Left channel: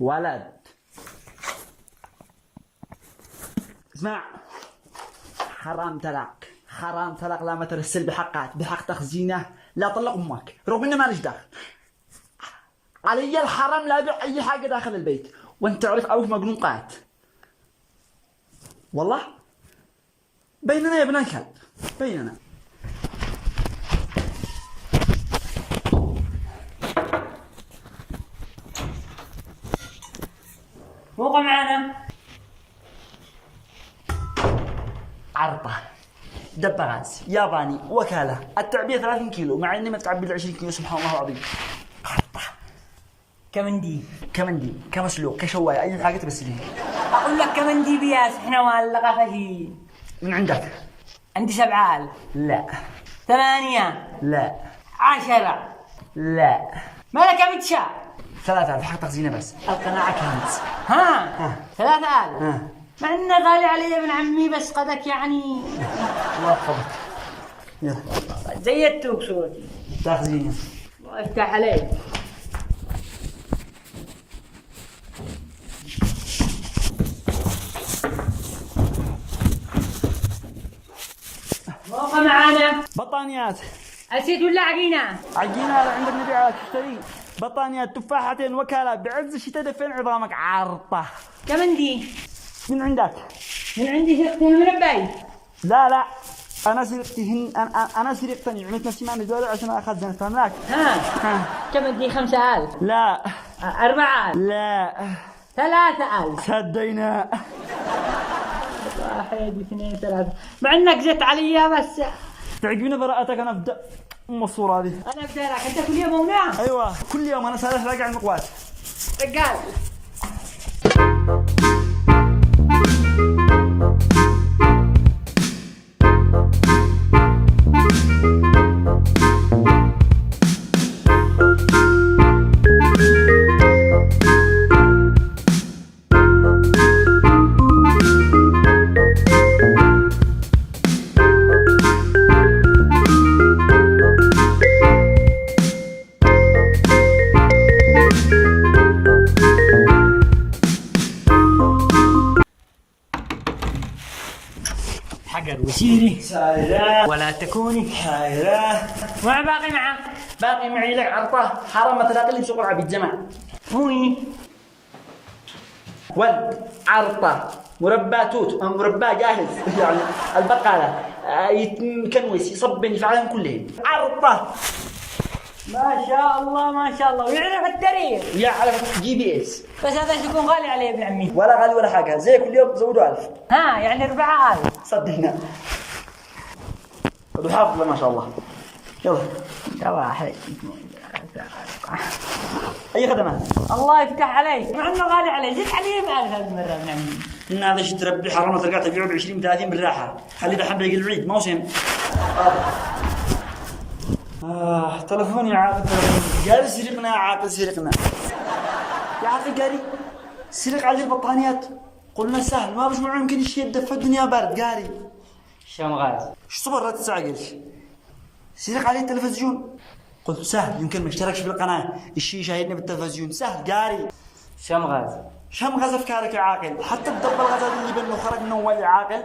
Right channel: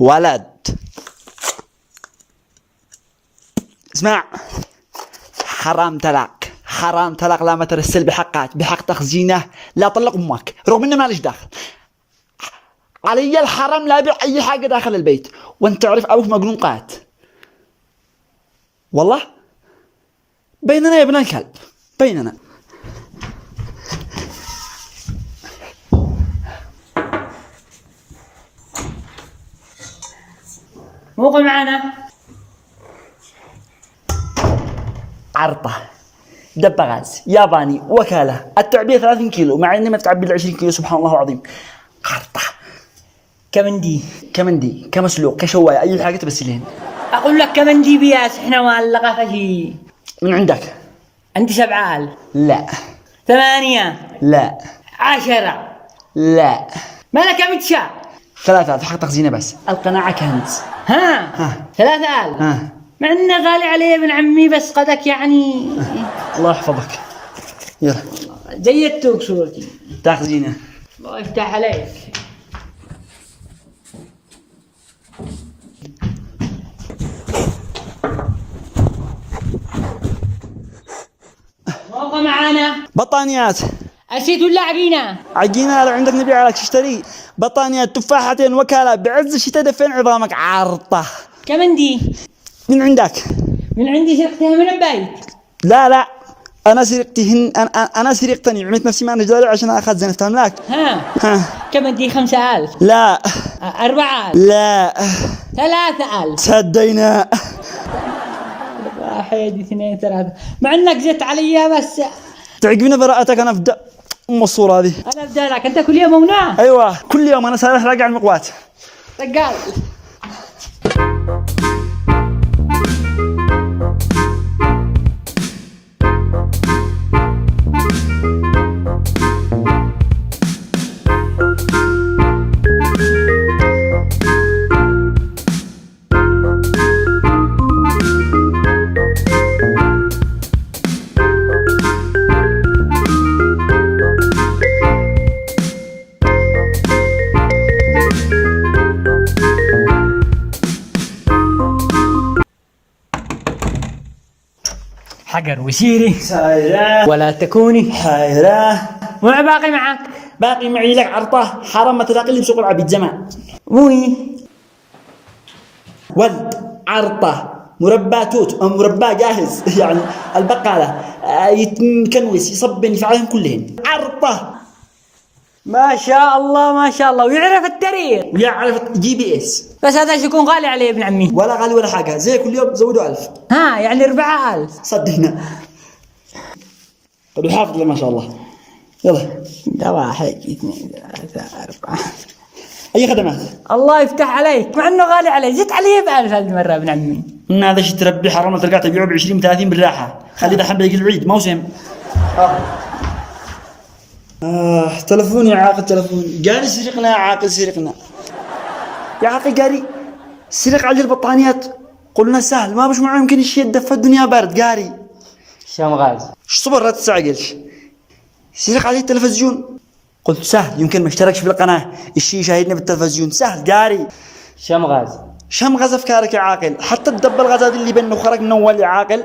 ولد اسمع، حرام تلق لا ما ترسل بحق تخزينه، لا طلق امك رغم انه ماليش داخل علي الحرام، لا ابيع اي حاجه داخل البيت، وانت تعرف ابوك مجنون قات والله. بيننا يا ابن الكلب، بيننا. موقع معنا عرطة، دب غاز ياباني، وكالة، التعبئة 30 كيلو مع اني ما تعبي ال 20 كيلو، سبحان الله العظيم. عرطة كمندي كمسلوق كشواية، اي حاجة تبسلين. اقول لك كمان دي بياس احنا معلقة فشي. من عندك؟ عندي 7 لا 8 لا 10. لا مالك يا متشا؟ 3000 حق تخزينه بس، القناعة كنز. ها 3000 ها مع انه غالي علي يا ابن عمي، بس قدك يعني الله يحفظك. يلا زيدتوك صورتي. تخزينه. الله يفتح عليك. موقع معانا بطانيات أسيت ولا عقينة؟ عجينة، لو عندك نبيع لك تشتري بطانيات، تفاحتين، وكالة، بعز الشتاء دفين عظامك. عرطة كمان دي من عندك؟ من عندي، سرقتها من البيت. لا انا سرقتهن، انا سرقتني، عملت نفسي ما نجداري عشان اخزن، افتهم لك. ها كمان دي 5000. لا 4000. لا 3000. سدينا. 1 2 3 مع انك زدت علي، بس تعقبنا براءتك، انا افدا ام الصورة هذه. انا ابدا لك، انت كل يوم ونام. ايوه كل يوم انا سارح راجع المقوات. رجال حجر وسيري سايرة ولا تكوني حيرة. وما باقي معك؟ باقي معي لك عرطة، حرام ما تلاقي لي بسوق العبيد زمان. وي ولد عرطة مربى توت، مربى جاهز يعني البقالة، يتكنوس يصبن يفعلهم كلهن. عرطة ما شاء الله ما شاء الله، ويعرف التاريخ، يعرف GPS. بس هذا يكون غالي علي يا ابن عمي. ولا غالي ولا حاجة، زي كل يوم زودوا 1000. ها يعني 4000. صدقنا وحافظ له ما شاء الله. يلا ده 1 2 3 4. أي خدمات؟ الله يفتح عليك، مع انه غالي علي، زدت علي ب1000 هذه المرة يا ابن عمي. إن هذا شيء تربي حرام، تلقاه تبيعه ب20 30 بالراحة، خلي دحين بيجي العيد موسم. تلفوني يا عاقل، تلفوني قال سرقنا يا عاقل، سرقنا يا عاقل، قاري سرق على البطانيات. قلنا سهل، ما بش معه يمكن الشيء يدفى، الدنيا بارد قاري. شام غاز صبر لا تستعجلش. سرق عليه التلفزيون، قلت سهل يمكن ما اشتركش في القناة، الشيء شاهدنا بالتلفزيون، سهل قاري. شام غاز شم غاز افكارك يا عاقل، حتى الدب الغازات اللي بينه خرج من اول يا عاقل،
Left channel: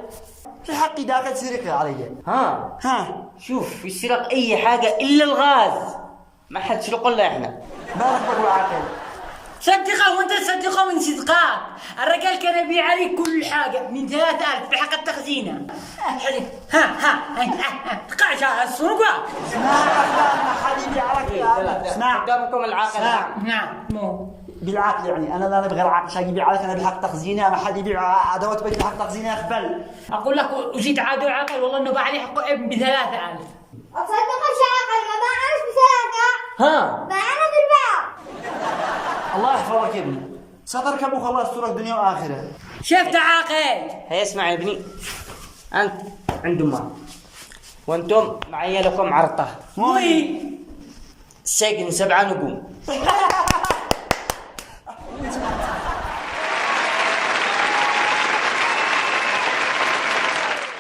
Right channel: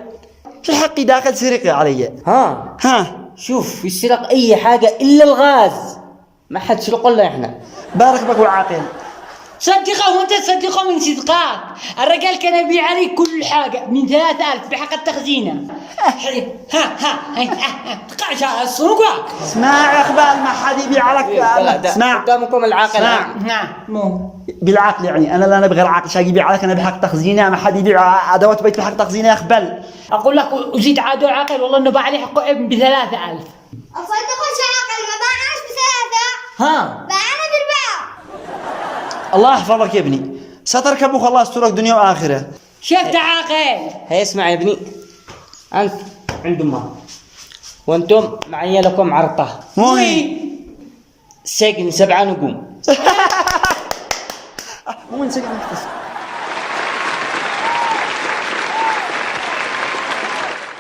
في الحق داخل سرقة علي. ها شوف، يسرق اي حاجة الا الغاز، ما حد سرق الا احنا. بارك بك يا عاقل. صدقه وانت تصدقه من صدقات. الرجال كان يبيع علي كل حاجة من 3000 بحق التخزينة. ها تقعش على السوق. اسمع يا اخبال، ما حد يبيع لك. اسمع قدامكم العاقل. اسمع. مو بالعقل يعني، انا لا نبغي العقل شاقي يبيع لك، انا بحق تخزينه، ما حد يبيع ادوات بيت بحق تخزينه يا اخبل. اقول لك وزيد عادو عاقل، والله انه باع علي حقه ابن ب3000. أصدقش عاقل، ما باعناش ب3، باعنا ب4. الله يحفظك يا ابني، ستركب وخلاص ترك دنيا واخره. شفت عاقل؟ هي اسمع يا ابني، أنت عند أمك وأنتم معي لكم عرطة. وين سجن 7 نجوم. وين سجن؟